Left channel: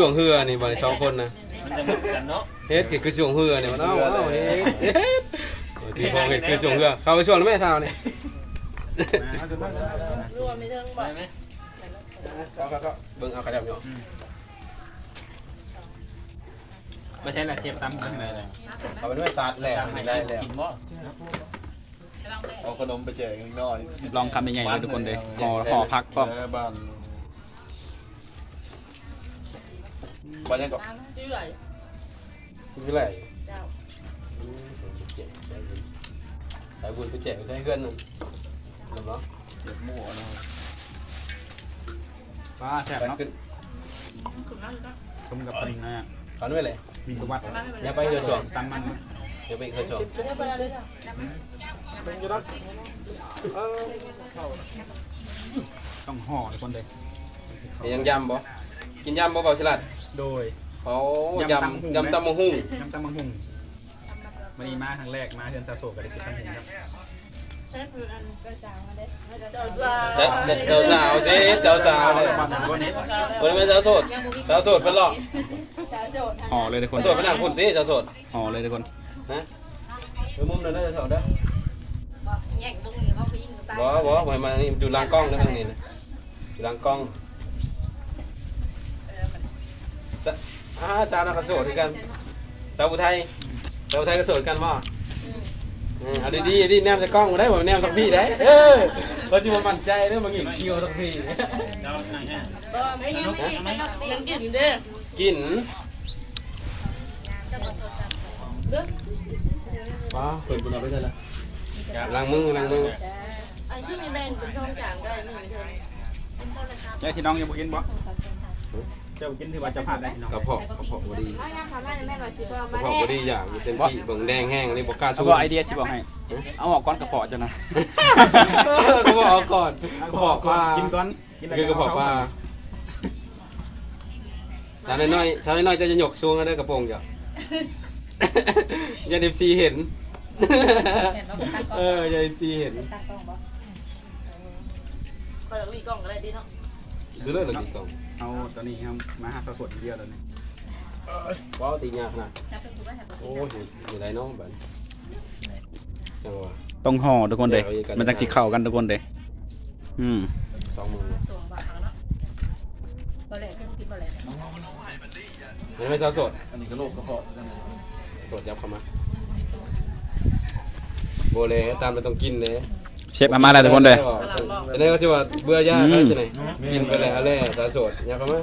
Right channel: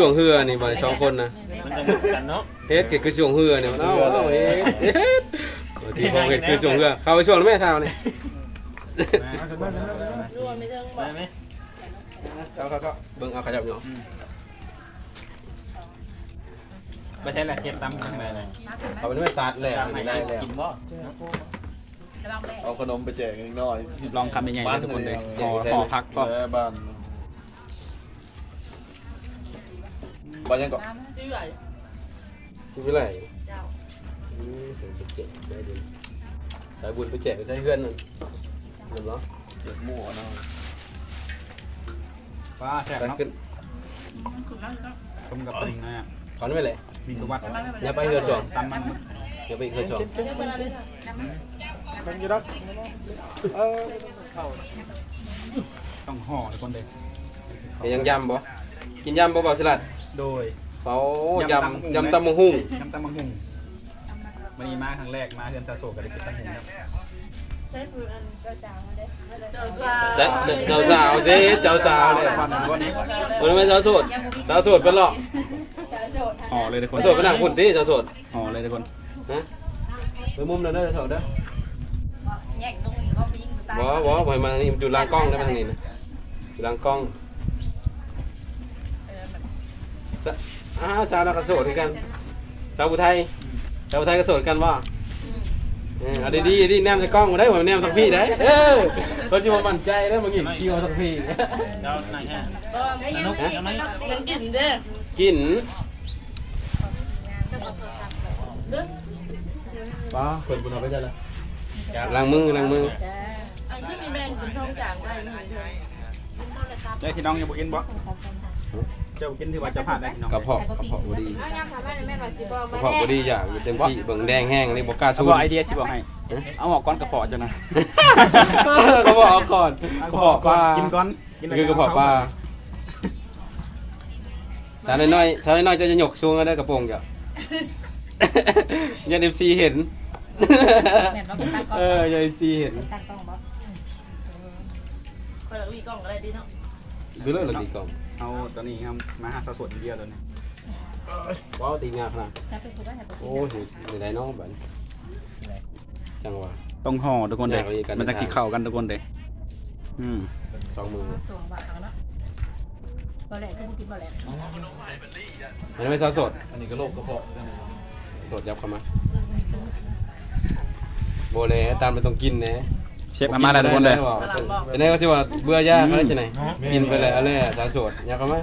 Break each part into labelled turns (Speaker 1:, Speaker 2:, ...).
Speaker 1: ช่วงเฮือนี่บ่ได้สองคนนะ
Speaker 2: มันจะเหมือนกันเนาะ
Speaker 1: เฮ็ดเกิดคือช่วงเฮือนี่มันเอ้าเอ้าเฮ็ดเฮ็ดที่พอเฮ็ดคือช่วงเฮือเข้าไปช่วงแล้วแม่เท่านี่
Speaker 3: รวมในเรื่องบอ
Speaker 2: ได้
Speaker 3: ก
Speaker 2: ไหม
Speaker 1: เขาเขาก็เบิ่งเอาขยับอยู่
Speaker 4: ไม่ใช่แหละเสียบตำขึ้นมาเลย
Speaker 5: มาถึงไหม
Speaker 1: เอาไปด้วยซัดแล้ว
Speaker 2: ให้
Speaker 1: ได้
Speaker 2: ได้
Speaker 1: แล้ว
Speaker 2: กินบ่
Speaker 5: จะลองแม่
Speaker 6: เอาขนมไปแจกอีกหน่อย
Speaker 4: ลองคำใหญ่ๆเลยทุกคนเลยห่อห่อพักก็
Speaker 6: แม่บ้าน บ้านยังก่อน
Speaker 5: มามา
Speaker 3: ชื่ออะไร
Speaker 1: สิไปไหน
Speaker 5: เจ้า
Speaker 1: สายบุญไปแจกไปใช้เพื่อนนึงเห็นบ่
Speaker 6: เจ็ดหมู่นะ
Speaker 4: ป้าแซ่บ
Speaker 1: ไป
Speaker 4: เนาะ
Speaker 1: ขึ้น
Speaker 5: ขุนมากเลยก็
Speaker 4: ชมกับปริงนะ
Speaker 1: ขันไว้เลย
Speaker 4: มีประวัติ
Speaker 5: จะมาไม่เป็นไร
Speaker 1: อย่าไปเฮือสอง
Speaker 4: ตำมัน
Speaker 1: เดี๋ยวไปอีกเฮือสอง
Speaker 3: เรียกไปอะไรจ้ะ
Speaker 6: เป็นอยู่ดักเออ
Speaker 4: ต้องห่อทุกคนเลย
Speaker 1: เห็นยังยำบ่กินยำบ่บ่ฉลาด
Speaker 4: โดย
Speaker 1: เขายำยำตำมะฮุ่ง
Speaker 4: น้ำตำมังหุงวันนี้มาครั้งแรกมาเดือนตาโศกกับเด็กตำหุงครับ
Speaker 3: เชฟคืออันเจ้าสาวมาเด้เจ้า
Speaker 1: เสร็จเสร็จเจ้าสาวสิเจ้าสาวเลย
Speaker 4: ความสำคัญนี้
Speaker 1: เฮ้ยไม่สาวโสดสาวโสดเป็นหรอก
Speaker 3: สาวโจทย์
Speaker 4: ห่อเลยทุกคน
Speaker 1: โสดเป็นหลังคุณที่สาวโสด
Speaker 4: ห่อเลยทุกคน
Speaker 1: นะไปมุมนั้นได้อโสดเด้อ
Speaker 5: บอกแย่งลงอย่างว่าผู้หญิงผู้ชาย
Speaker 1: บ่บ่บ่ให้มานี่อยู่หลังกล้องได้ทางนี้นะอยู่หลังกล้อง
Speaker 5: เออมัน
Speaker 1: สะอ่าสาวเราก็โสดเหมือนกัน สาวอุทัยสาวอุทัยก็โสดกันบ่เออเอาดีๆดีแนมใส่กล้องมาได้บ่แนมสักพี่ได้เออเขาจะมามั่นใจเด้อมาหยิงคิวสักพี่
Speaker 2: เราหนังฮะ
Speaker 3: ก็ไม่ยังไม่ยังกินเด้อ
Speaker 1: กิน
Speaker 5: จะกดโทรศัพท์
Speaker 3: เด้อ
Speaker 1: อ๋อเปิดกินเอาไปได้ละล้างมือล้างมือ
Speaker 3: อันที่มีแมงเป็นช่องกลางได้หนึ่งเดือน
Speaker 4: แล้วที่น้องยังบุกินบ่ เจ้าบุกินถือว่าจะพลาดได้น้อง
Speaker 1: กระเพาะกระเพาะบ่ดี
Speaker 3: ถ้ายังทำได้แม่หน่อยสิบอก
Speaker 1: กระ
Speaker 3: มา
Speaker 1: เพาะ
Speaker 3: แน่
Speaker 1: บ่ดีอย่างเต็มที่เบิ่งแดงแห้งอันนี้บ่กล้า
Speaker 4: เอา
Speaker 1: สู้
Speaker 4: บอกไอเดียสิบอกให้ เอาออกก้อนกระเพาะจ้ะนะ
Speaker 1: กระเพาะเอาก่อน
Speaker 4: เอา
Speaker 1: กระ
Speaker 4: กระเพาะ
Speaker 1: เพาะ
Speaker 4: ก่
Speaker 1: ป
Speaker 4: อน
Speaker 1: ลา
Speaker 4: กินก้อนกินอะไร
Speaker 1: คือกระเพาะปลาสาวน้อยๆสาวน้อยๆจะจะหยกชูงได้กระโปรงจ้ะอย่าเดฟซีเห็น
Speaker 5: แม่นว่าเป็นตั้งกล้อง
Speaker 1: เอออย่าเดฟซีเห็น
Speaker 5: เป็น ตั้งกล้องบ่
Speaker 3: คอยมีกล่องอะไรดีเนาะ
Speaker 1: คือเรื่องอะไรดีก่อน
Speaker 4: เอาตัวนี้ครับมาหาสะสดเดียวเลยนี่
Speaker 1: ว้าวตีงากนะ
Speaker 5: จะเป็นผู้ว่าให้ผู้ห
Speaker 1: โอ้
Speaker 5: ญิง
Speaker 1: ยอยู่ไหนน้องบันจังหวะ
Speaker 4: ต้องห่อทุกคนเด้
Speaker 1: แยกไว้กัน
Speaker 4: มันจะสีเข้ากันทุกคนเด้อืม
Speaker 1: สองมือ
Speaker 5: สูงบ่เขาเนาะบ่แหลกคือผู้กินบ่แหลก
Speaker 1: อันนี้ไม่ซาสด
Speaker 6: อันนี้ก็โรคกระเพาะ
Speaker 1: สดยับเข้ามาโบเลยตามจะต้องกินนะ
Speaker 4: เชฟอามาแล้วทุกคนเด้
Speaker 1: อันนี้ก็จะว่าเบื่อยากนะใช่ไหมกินไปเลยอะไรซาสดยับเข้ามา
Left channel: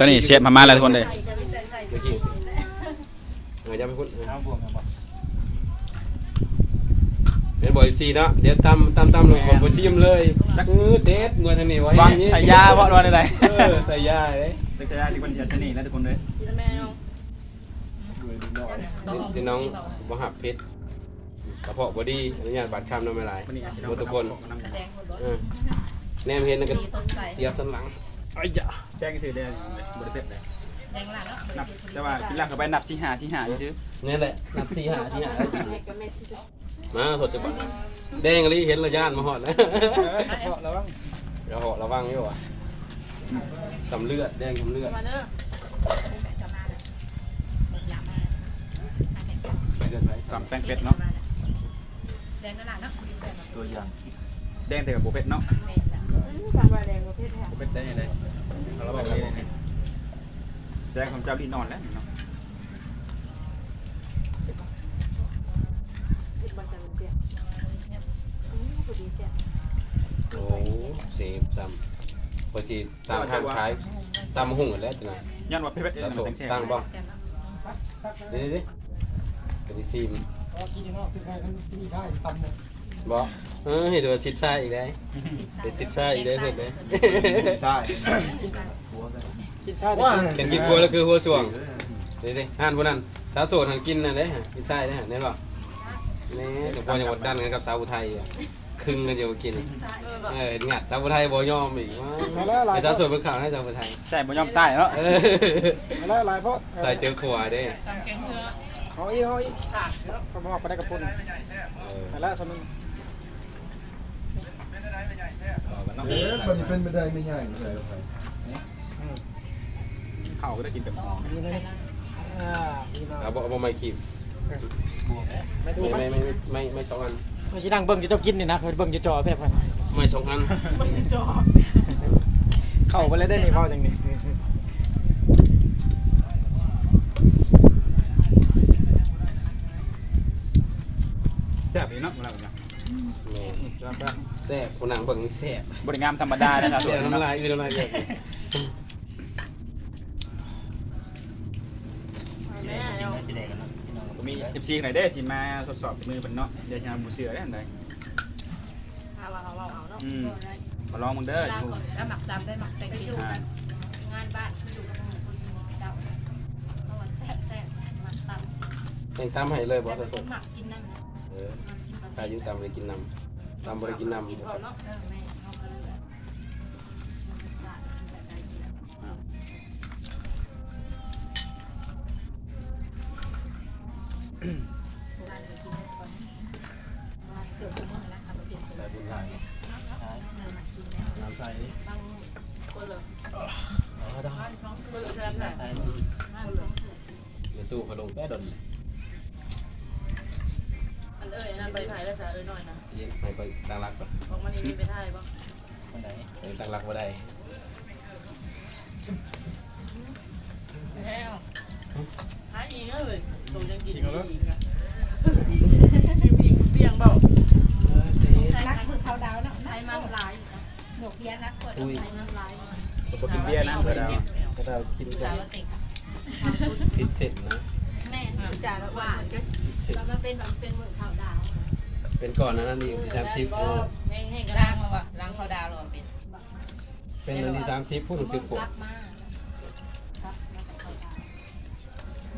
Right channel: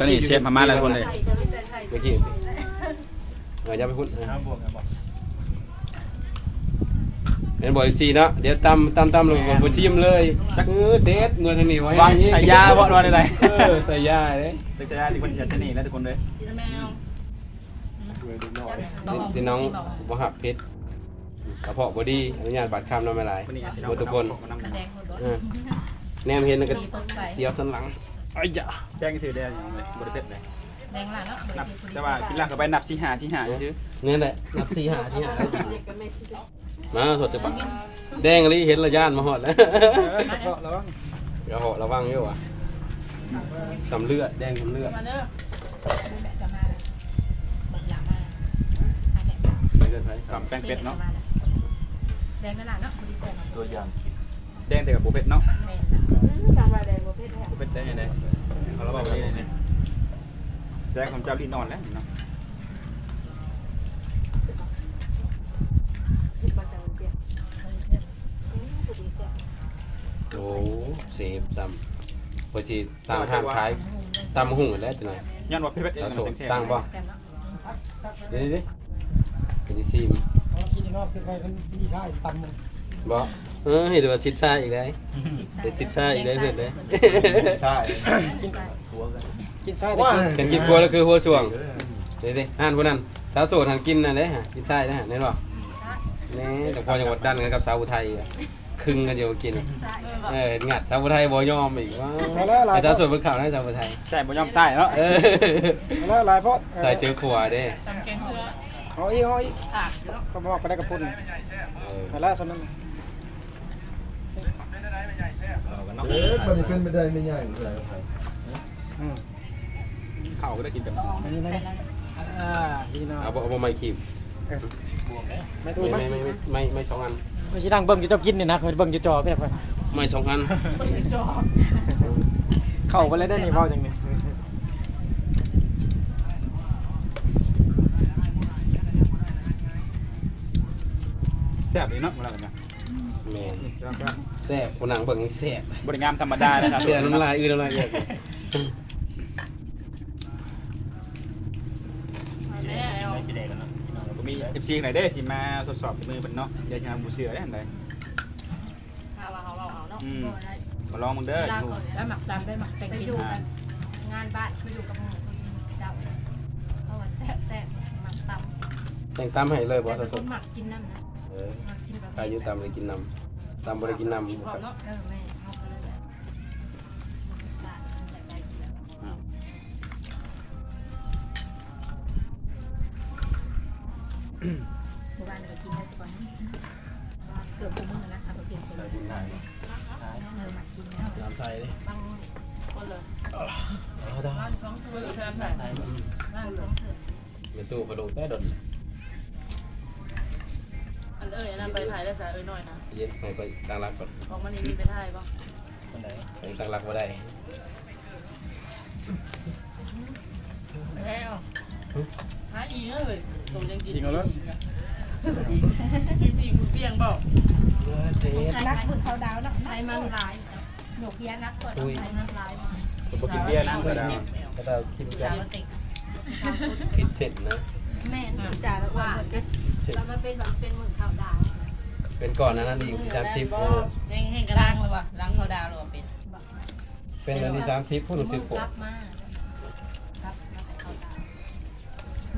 Speaker 4: ตอนนี้เชฟอามาแล้วทุกคนเด้
Speaker 3: ใส่จะไม่ใส่ใส่
Speaker 1: เมื่อกี้เออยับไปพุ่น
Speaker 2: น้ำบวกกันบ่
Speaker 1: เดี๋ยวบอกซีเนาะเดี๋ยวตำตำตำลงบอกชิมเลยชักมือเด็ดมือทางนี้ไว้
Speaker 4: วางใส่ยาเพราะว่าอะไร
Speaker 1: เออใส่ยาเลย
Speaker 4: ใส่ยาที่คนจะเสน่ห์แล้วทุกคนเด้
Speaker 3: ทีละแมว
Speaker 6: ด้วยนิดหน่อย
Speaker 1: พี่น้องบ่หับเพชร กระเพาะบ่ดีอนุญาตบัตรคำน้องไม่หลาย
Speaker 4: วันนี้อาจจะ
Speaker 1: หมดทุกคน
Speaker 4: มานั่ง
Speaker 5: แดงคนบ่
Speaker 1: เออแนมเห็นแล้วก็
Speaker 5: มีสดใส
Speaker 1: เสียวสันหลังไอ้ยะ
Speaker 4: แจ้งชื่อได้ยังเลยบริเวณเลย
Speaker 5: แดงหลังเนาะ
Speaker 4: นับแต่ว่ากินหลักเข้าไปนับสี่หาสี่หาซื้อ
Speaker 1: นี่แหละนับสี่หาที่หา
Speaker 3: เด็กกับแม่ที่
Speaker 1: มาสดจะปะแดงเลยเห็นระยานมาหอดนะ
Speaker 4: กระเพาะระวัง
Speaker 1: เดี๋ยวหอดระวังอยู่ว่ะสำเลือดแดงสำเลือด
Speaker 3: มาเด้อ
Speaker 5: จะมาแล้วเหมือนหลามาทางแม่กัน
Speaker 1: ไม่เกินไร
Speaker 4: กับแป้งเป็ดเนาะ
Speaker 5: แดงนั่นล่ะเนาะบ่ได้แซ่บ
Speaker 6: ตัวอย่าง
Speaker 4: แดงแต่กับโบเป็ดเนาะ
Speaker 5: แม่น่ะ
Speaker 3: ทำอะไรแดงประเภทนี้
Speaker 4: โบเป็ดได้ยังไงเขาเราบอกว่านี่นี่แดงของเจ้าลีนอนแล้วเนาะ
Speaker 3: ผิดภาษาเปลี่ยนผู้ดีเสีย
Speaker 1: โอ้เสียบซ้ำพอจีตามทางขายตามหุ่งแล้วตัวนั้น
Speaker 4: ย้อนว่าเป็ดเองมันแซ่บ
Speaker 1: ตั้งบ่
Speaker 5: แซ่บเนาะ
Speaker 1: เดี๋ยวดิ กระดิซีม
Speaker 7: อ๋อที่นอกจะไปเป็นพี่ชายตำหมด
Speaker 1: บ่เออเห็นว่าซิดซ่าอีกได้เด็ดซิดซ่าอีกได้เห็นได้
Speaker 6: ใช่
Speaker 7: กินไส้ได้กิน
Speaker 1: กันกินครัวแล้วคือหัวส่วงเดี๋ยวดิอ่านพวกนั้นสาวโสดทางกินน่ะเด้ฮะกินไส้นะฮะแน่นบ่นี่แต่พอจังหวัดดันกันกับสาวอุทัยอะครึ่งกันอยู่กินเอองัดสาวอุทัยบ่ยอมอีกว่า
Speaker 7: มาแล้วหลาย
Speaker 1: ไอ้
Speaker 7: เพ
Speaker 1: สาว
Speaker 7: ราะ
Speaker 1: โสดบนเขาได้สาวอุทัย
Speaker 4: ใช่บ่ยอมใต้เนาะ
Speaker 1: เออ
Speaker 7: มาแล้วหลายเพราะ
Speaker 1: ใส่เจอขวาเด้
Speaker 5: จำเก่งเพื่อ
Speaker 7: เอาอีกเอาอีก
Speaker 3: ขาดเนาะ
Speaker 7: เขาบอกไปได้กับปุ่น
Speaker 1: เออ
Speaker 7: มาแล้วสำนึก
Speaker 4: เรากันเนาะ
Speaker 6: เอ๊ะคนขึ้นไม่ได้ไม่ง่ายเลย
Speaker 4: ข้าวก็ได้กินแต่
Speaker 5: ต้องออกไปแล้ว
Speaker 7: อ่าดีนะ
Speaker 1: เอาบ่เอาบ่ไม่คีบ
Speaker 7: ไม่ถูก
Speaker 1: ไม่
Speaker 7: ไหม
Speaker 1: ไม่ไม่ไม่ไม่สองอัน
Speaker 7: ก็สินั่งเบิ่งอยู่ต้องกินนี่นะเคยเบิ่งอยู่จอเพิ่นเพิ่น
Speaker 1: ไม่สองอัน
Speaker 5: จอ
Speaker 7: เข้าไปแล้วได้นี่เว้าจังนี่
Speaker 4: แซ่บดีเนาะเวลาแบบนี้
Speaker 1: แม่น
Speaker 4: แล้วก็
Speaker 1: แซ่บคนนั่งเบิ่งแซ่บบ
Speaker 4: ริงามธรรมดานะครับ
Speaker 1: เสียน้ำลายอือน้ำลายเยอะ
Speaker 3: แม่เอา
Speaker 2: ไม่สิได้กันเนาะพี่น้อง
Speaker 4: ก็มีเอฟซีไหนได้ที่มาทดสอบมือเป็นเนาะเดี๋ยวจะบูเสือได้อันใด
Speaker 3: หาว่าเขาเอาเอาเนาะ
Speaker 4: อืม
Speaker 5: ก็ได้
Speaker 4: มาลองมึงเด้อ
Speaker 5: เวลาก่อนแล้วหมักจำได้หมักไปอยู่กันงานบ้านคืออยู่กับหมู่คือเจ้าเขาว่าแซ่บแซ่บหมักตำ
Speaker 1: แต่งตามให้เลยบ่
Speaker 5: แต่เป็น
Speaker 1: ส
Speaker 5: ค
Speaker 1: ด
Speaker 5: นหมักกินน้ำนะ
Speaker 1: ๆเออ
Speaker 5: หมักกินแบบ
Speaker 1: อายุตามบ่ได้กินน้ำตามบ่ได้กินน้ำ
Speaker 3: กินพร้อมเนาะ
Speaker 5: เออแม่เขาก็เลยแบบมันสะแบบได้กินแล้ว
Speaker 4: อ้าว
Speaker 5: หมู่บ้านก็กินได้ทุกคนว่าเกือบทุกมื้อนะเอาไปเปลี่ยนสูตรเออหมักกินแล้ว
Speaker 1: น้ำใส่ดิ
Speaker 3: บางคนเลย
Speaker 5: บ้านท้องเถื่
Speaker 3: เบิ่
Speaker 5: อน
Speaker 3: งแซ่บแท้
Speaker 5: บ้านท้องเถื่อน
Speaker 1: เดี๋ยวตู้กระดงใต้ดน
Speaker 3: อันเอ้ยนั่นไปถ่ายได้ซะเอ้ยหน่อยนะ
Speaker 1: เย็นไปไปตั้งรักก่อน
Speaker 3: บอกมันนี่มีไปถ่ายบ่
Speaker 2: คนไหน
Speaker 1: ยังตั้งรักบ่ได้
Speaker 3: แล้วหาอีกเลยตรงยังกิน
Speaker 6: จริงเหรอ
Speaker 3: อีกอะจริงๆเปียงบอก
Speaker 5: รักมือเขาดาวเนาะไทยมันหลายหนกเพี้ยนักกว่าไทยมันหลายมา
Speaker 4: ตัวกินเบียร์นะก็ได้
Speaker 1: ก็ต้องคิด
Speaker 5: สา
Speaker 1: จะ
Speaker 5: วติ
Speaker 1: คิดเสร็จนะ
Speaker 5: แม่สาวว่าก็
Speaker 1: เสร็จ
Speaker 5: แล้วมันเป็นแบบเป็นมือเขาดาว
Speaker 1: เป็นก่อนนะนั่นอีกสามสิบ
Speaker 3: แห้งแห้งกระ
Speaker 5: ล้า
Speaker 3: ด้างง
Speaker 5: เลยว่ะล้างเขาดาวเลยเป็น
Speaker 1: เป็นอันที่สามสิบพูดถึงสิบ
Speaker 5: รับมาครับแล้วแต่เขาดาว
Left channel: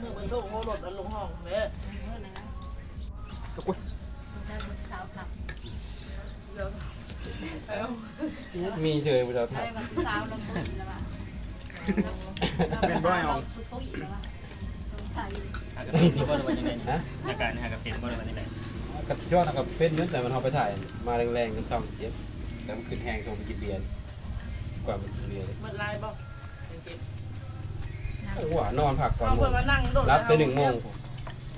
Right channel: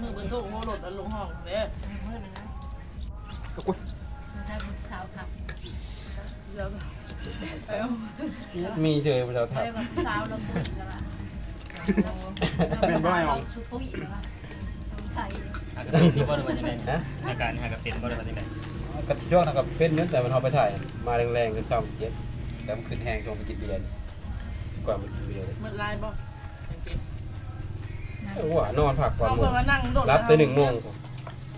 Speaker 3: มือเป็นลูกโหลดลงห้องเด้อ
Speaker 5: เมื่อนั้น
Speaker 4: ก็กุ้ย
Speaker 5: ได้บุญสาวทับ
Speaker 3: เดี๋ยวเอา
Speaker 1: มีเจอเรา
Speaker 5: แล้ว
Speaker 1: ทำ
Speaker 5: ก็สาวเราตุ้ยแล้วว่ะตุ้ยตุ้ยแล้วว่ะต้องใส่
Speaker 2: หา กระตินที่บ่ได้ว่าจังได๋
Speaker 1: นะ
Speaker 2: ในการหากระตินบ่ได้ว่าจังได๋
Speaker 1: กับช่วงกับเป็นเหมือนแต่มันเอาไปถ่ายมาแรงๆกันเศร้าเจ็ดแต่มันขึ้นแห้งส่งไปกินเบียร์กว่าไปกินเบียร์
Speaker 3: เมื่อไรบอกเก็บ
Speaker 1: โอ้โหนอนพักก่อน
Speaker 3: เอา
Speaker 1: หม
Speaker 3: เพื่อ
Speaker 1: ด
Speaker 3: มานั่งโดด
Speaker 1: รับตัวหนึ่งโมง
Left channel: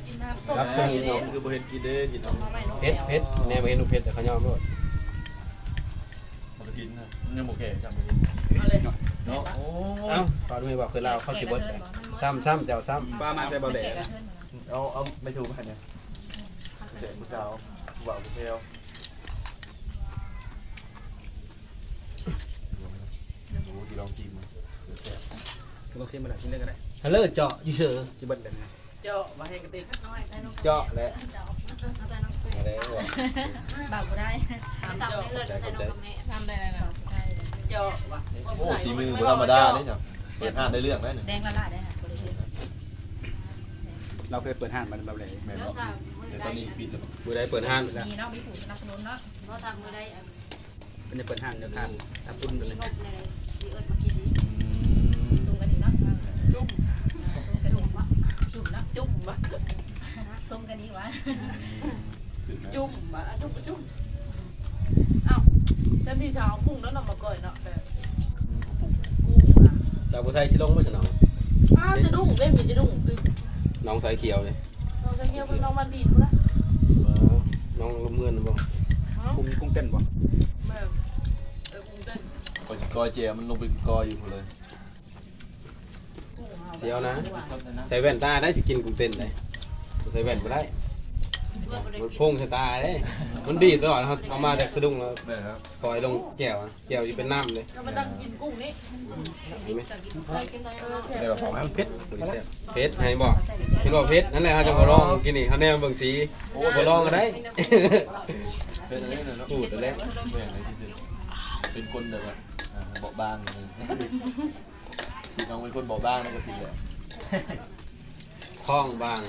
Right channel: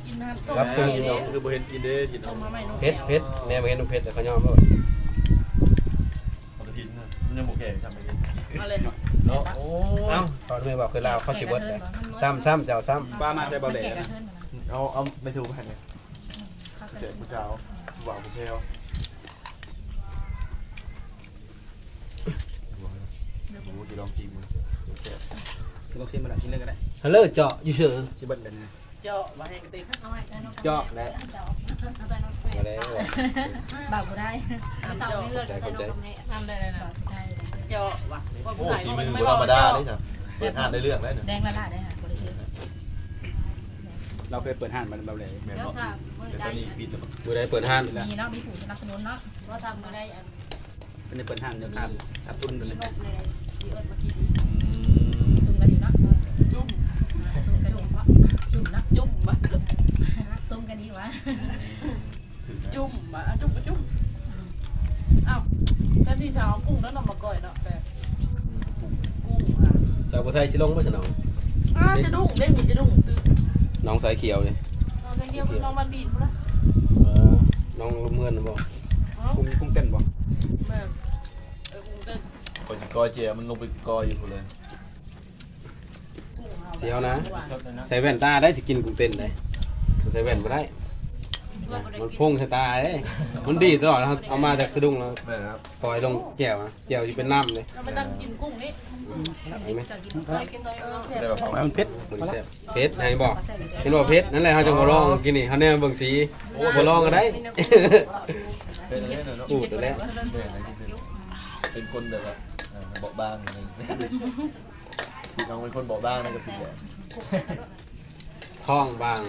Speaker 3: กินน้ำต้ม
Speaker 1: รับตัวหนึ่งโมง
Speaker 6: คือบ่เห็นกินเด้กิน
Speaker 3: ต้มมาใหม่นก
Speaker 1: เพชรเพชรเนี่ยไปเห็นดูเพชรแต่เขายอมแล้ว
Speaker 6: เอาไปกินนะยังบ่แก่จังไปกิน
Speaker 3: มาเลย
Speaker 6: เนาะโอ้
Speaker 1: เอ้า ตอนนี้บอกคือเราเขาชิบดซ้ำซ้ำเจ้าซ้ำ
Speaker 4: ป้ามาใจเบาแหล่
Speaker 6: เอาเอาไปถูกไปเนี่ยเสียงผู้สาวหวานผู้เทลโอ้ที่ลองชิมเดี๋ยวแซ่บ
Speaker 4: ต้องชิมมาหลายชิ้นเลยก็ได้
Speaker 1: ฮัลโหลเจาะอยู่เฉย
Speaker 4: ชิมเบิดเลยนะ
Speaker 3: เจาะมาให้กระติบ
Speaker 5: เอาไว้ใต้นก
Speaker 1: เจาะและ
Speaker 5: เจาะเอาใต้นกเป็
Speaker 1: อะไดวะ
Speaker 5: เต่าได้เต่เลือดใต้นกกับแม่ทำได้เลยนะ
Speaker 3: เจาะว่ะ
Speaker 6: โอ้สีมือบ่ธรรมดาเลยจ้ะ เปิดอ่านได้เรื่องแล้วเนี่ย
Speaker 5: แดงละลายได้ค่ะบริเวณ
Speaker 4: เราเคยเปิดห้างมาเบาแหล่
Speaker 6: แม่
Speaker 5: เดี๋ยว
Speaker 6: เนาะ
Speaker 5: ทำมือ
Speaker 6: แต่ต
Speaker 5: ได้
Speaker 6: อนนี้ปิดแล้ว
Speaker 1: ดูได้เปิดห้าง
Speaker 5: มีเนาะมีผู้สนับสนุนเนาะเพราะทำมือได้อัน
Speaker 4: เป็นจะเปิดห้างเดี๋ยวครับครับตุ้น
Speaker 5: มี
Speaker 4: เลย
Speaker 5: งบในสีเอิร์ดมากินดี
Speaker 6: อืม
Speaker 5: จุ่มกันดีเนาะ
Speaker 3: จุ่ม
Speaker 5: ส้มกันดีวะจุ่มนะ
Speaker 3: จุ่มมา
Speaker 5: ส้มกันดีวะ
Speaker 3: จุ่มมาจุ่มก็จุ่มอ้าวแทนที่จะเอากุ้งแล้วนำมาก่อยเนาะแบบกุ้งอะ
Speaker 1: สาวผู้ไทยชิลงไม่ใช่น้อง
Speaker 3: อ้าจะดุ้งเล่นมีจะดุ้งตึก
Speaker 1: น้องสายเขียวเนี่ย
Speaker 3: น้องจะเกี่ยวน้องมันดีดกูละ
Speaker 1: น้องเมื่อนบอก
Speaker 4: กุ้งกุ้งเต้นบ่
Speaker 3: แม่เออกุ้งเต้น
Speaker 6: พอสิกอเจมันลงไปกออยู่พุ่นเลย
Speaker 3: กุ้งหา
Speaker 1: เสียวนะ
Speaker 2: ชอบเลยเนาะ
Speaker 1: ใส่แว่นตาได้สิกินกุ้งเต้นได้ใส่แว่นก็ได้
Speaker 5: เพื่อบ่ได้
Speaker 1: มันพุ่งใส่ตาเอ้ยมันดีดตลอดครับเอามาจากสะดุ้งแล้ว
Speaker 6: ได้ครับ
Speaker 1: ปล่อยลงแก้วนะแก้วอยู่เป็นน้ำเลย
Speaker 3: เราม่ต้องกินกุ้งนี่
Speaker 1: เห็นไหม
Speaker 5: จะกินเคยกินน้อยเนาะ
Speaker 6: ได้แบบของเพชร
Speaker 1: บริเซเพชรไงบอกเห็นว่าเพชรนั่นแหละเขาจะมาลองกินนี่เขาเนี่ยเบิ่งสีโอ้มาลองกันได้
Speaker 6: เป็นอะไรเนาะ
Speaker 1: พูดไปแล้ว
Speaker 6: เป็นคนแบบว่าเบาบางอย่างนี้พี่น้องเป็นคนเบาบางนั่นก็สิแหละ
Speaker 1: คล้องบาง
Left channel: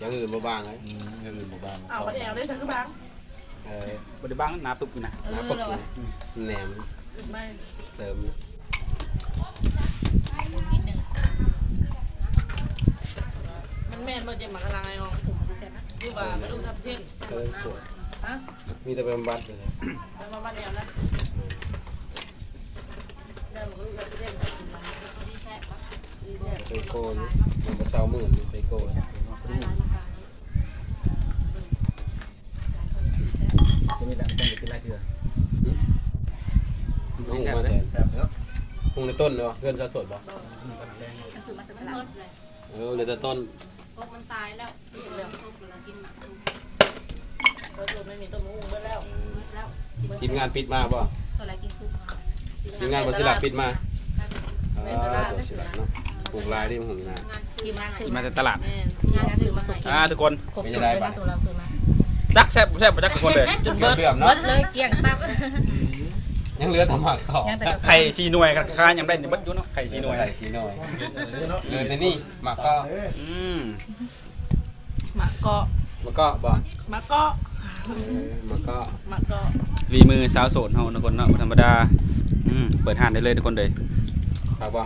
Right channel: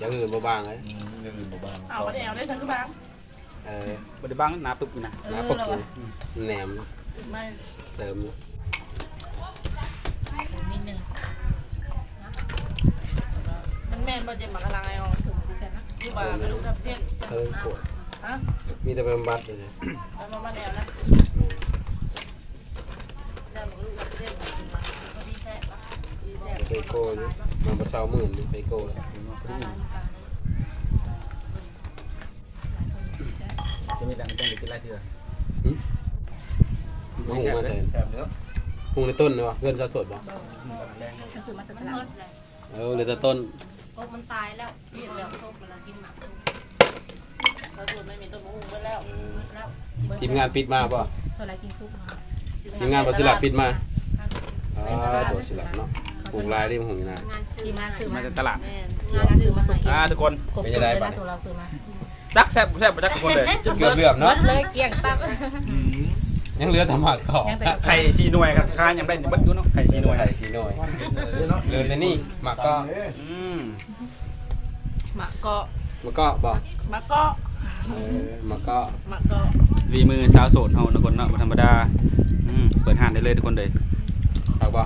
Speaker 1: ยังอื่นบ่บางเลย
Speaker 6: ยังอื่นบ่บาง
Speaker 3: เอาวบ่ได้เอาได้สักกระบัง
Speaker 1: เออบ่
Speaker 4: ได้บ้างหนาปุ๊บอยู่นะ
Speaker 5: เออแล้ววะ
Speaker 1: แหนมเสริม
Speaker 3: มันแม่นบ่เจ็บมากระลายอ๋อ
Speaker 5: สูงดิฉันนะ
Speaker 3: อยู่บ่ากระดูกทับเส้น
Speaker 1: เฮะมีแต่บำบัดเลยน
Speaker 3: แล้มาบ้านแนวนะ
Speaker 1: อืมย่างกระ
Speaker 3: ดูกทับเส้นกิน
Speaker 1: มา นบ่เช้ามื่นไปโก้แล้ว
Speaker 4: จะมีแต่เป็นกินไรเถื่อ
Speaker 1: หึมันหุงมาแต่
Speaker 6: แบบเนี้ย
Speaker 1: หุงในต้นเลยวะเพื่อนจะสดบ่
Speaker 5: ก็คือมาจากตลาด
Speaker 1: เออเลยแต่ต้น
Speaker 8: กบมันตายแล้วกินแล้วซุปแล้วกินหมักซุป
Speaker 3: เขาสูตรไม่มีต้นมะม่วงไว้แล้ว
Speaker 8: หมดแล้ว
Speaker 1: ทีมงานปิดมาป่ะ
Speaker 5: โซลากินซุปมา
Speaker 1: ทีมงานบริษัทปิดมา
Speaker 5: ข้าว
Speaker 1: เออบ่สิละเนาะ ปลูกลายที่มันหุงอยู่นะ
Speaker 8: งานซื้อ
Speaker 5: ที่มาซื้อ
Speaker 2: มา
Speaker 5: มา
Speaker 2: จากตลาด
Speaker 3: แม่น
Speaker 8: งานซื้อมาให้
Speaker 2: อ่าทุกคน
Speaker 5: ครบสุดเลยนะตัวเราซื้อมา
Speaker 2: รักแซ่บแซ่บไปรักทุกคนเลย
Speaker 1: เกือบเหลื่อม
Speaker 5: หม
Speaker 1: เนาะ
Speaker 5: ดเลยเกลี้ยงตับ
Speaker 1: ยังเหลือแต่หมักต่อ
Speaker 5: ยังแต่กระ
Speaker 2: ไข่ชีหน่วยกับข้ายังได้อยู่บัดอยู่เนาะไข่ชีหน่วย
Speaker 1: ใส่สีหน่อยเหลือแต่นี่หมักก็
Speaker 2: อืม
Speaker 3: หมักเกาะ
Speaker 1: หมักก็บอก
Speaker 3: หมักเกาะ
Speaker 1: เออหมักก็
Speaker 3: หมักเกาะ
Speaker 2: รีมือสาวโสดเฮาทุกคนเนาะบ่ธรรมดาอืมเปิดห้านได้เลยทุกคนเลย
Speaker 1: เอาบ่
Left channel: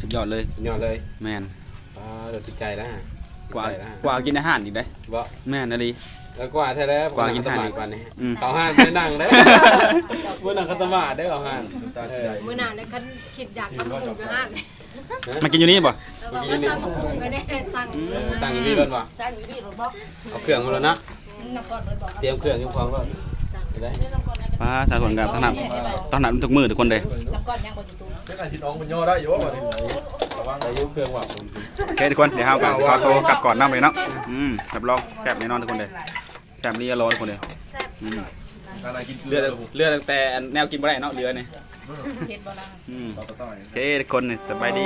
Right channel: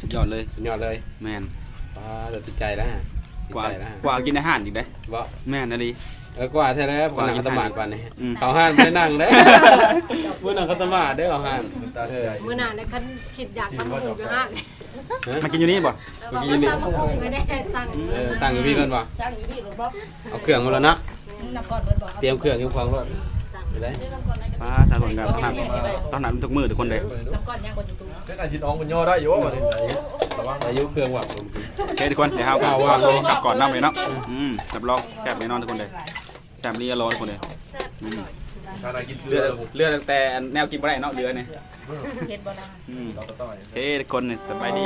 Speaker 2: สุดยอดเลย
Speaker 1: สุดยอดเลย
Speaker 2: แม่น
Speaker 1: อ่าเดี๋ยวติดใจแล้วฮะ
Speaker 2: กว่า
Speaker 1: ติดใจแล้วฮะ
Speaker 2: กว่ากินอาหารอีกได้
Speaker 1: บ่
Speaker 2: แม่นอะดี
Speaker 1: แล้วกว่าแท้แล้ว
Speaker 2: กว่ากิน
Speaker 1: ต
Speaker 2: อาหาร
Speaker 1: มาดกว่านี่
Speaker 2: อืม
Speaker 1: เขาห้านไม่นั่งเด้มื้อนั่งคัตมาดเด้อเขาห้านเออ
Speaker 8: มื้อหน้าได้คันคิดอยากตำบักหุ่งอยู่ห้าง
Speaker 2: มากินอยู่นี่บ่
Speaker 8: แล้วบอกว่าสั่งบักหุ่งก็ได้สั่ง
Speaker 1: เออตั้งพี่เพิ่นว่า
Speaker 5: จ้างอยู่ที่รถบอก
Speaker 1: เอาเครื่องมาแล้วเนาะ
Speaker 5: น้ำก้อนเบิร์ดบอก
Speaker 1: เตรียมเครื่องเตรียมของก็
Speaker 8: สั่ง
Speaker 2: อาทางคนกับต้องนับตองนับทุกมือทุกคนเลย
Speaker 6: เล่นอาทิตย์น้องมันย่อได้อยู่ว่าเล่นไหน
Speaker 1: อายุเครื่องว่ะ
Speaker 2: โอเคทุกคนเดี๋ยวเอาว่าโตกลับก่อนนั่งเลยเนาะอืมจับลองแซ่บแน่นอนทุกคนเลยแซ่บนี่อร่อยทุกคนเลย
Speaker 6: เลือ
Speaker 2: ดเลือดแต่แนวกินบ่ได้เนาะเลือเนี่ยอืมโอเคทุกคนสบายดี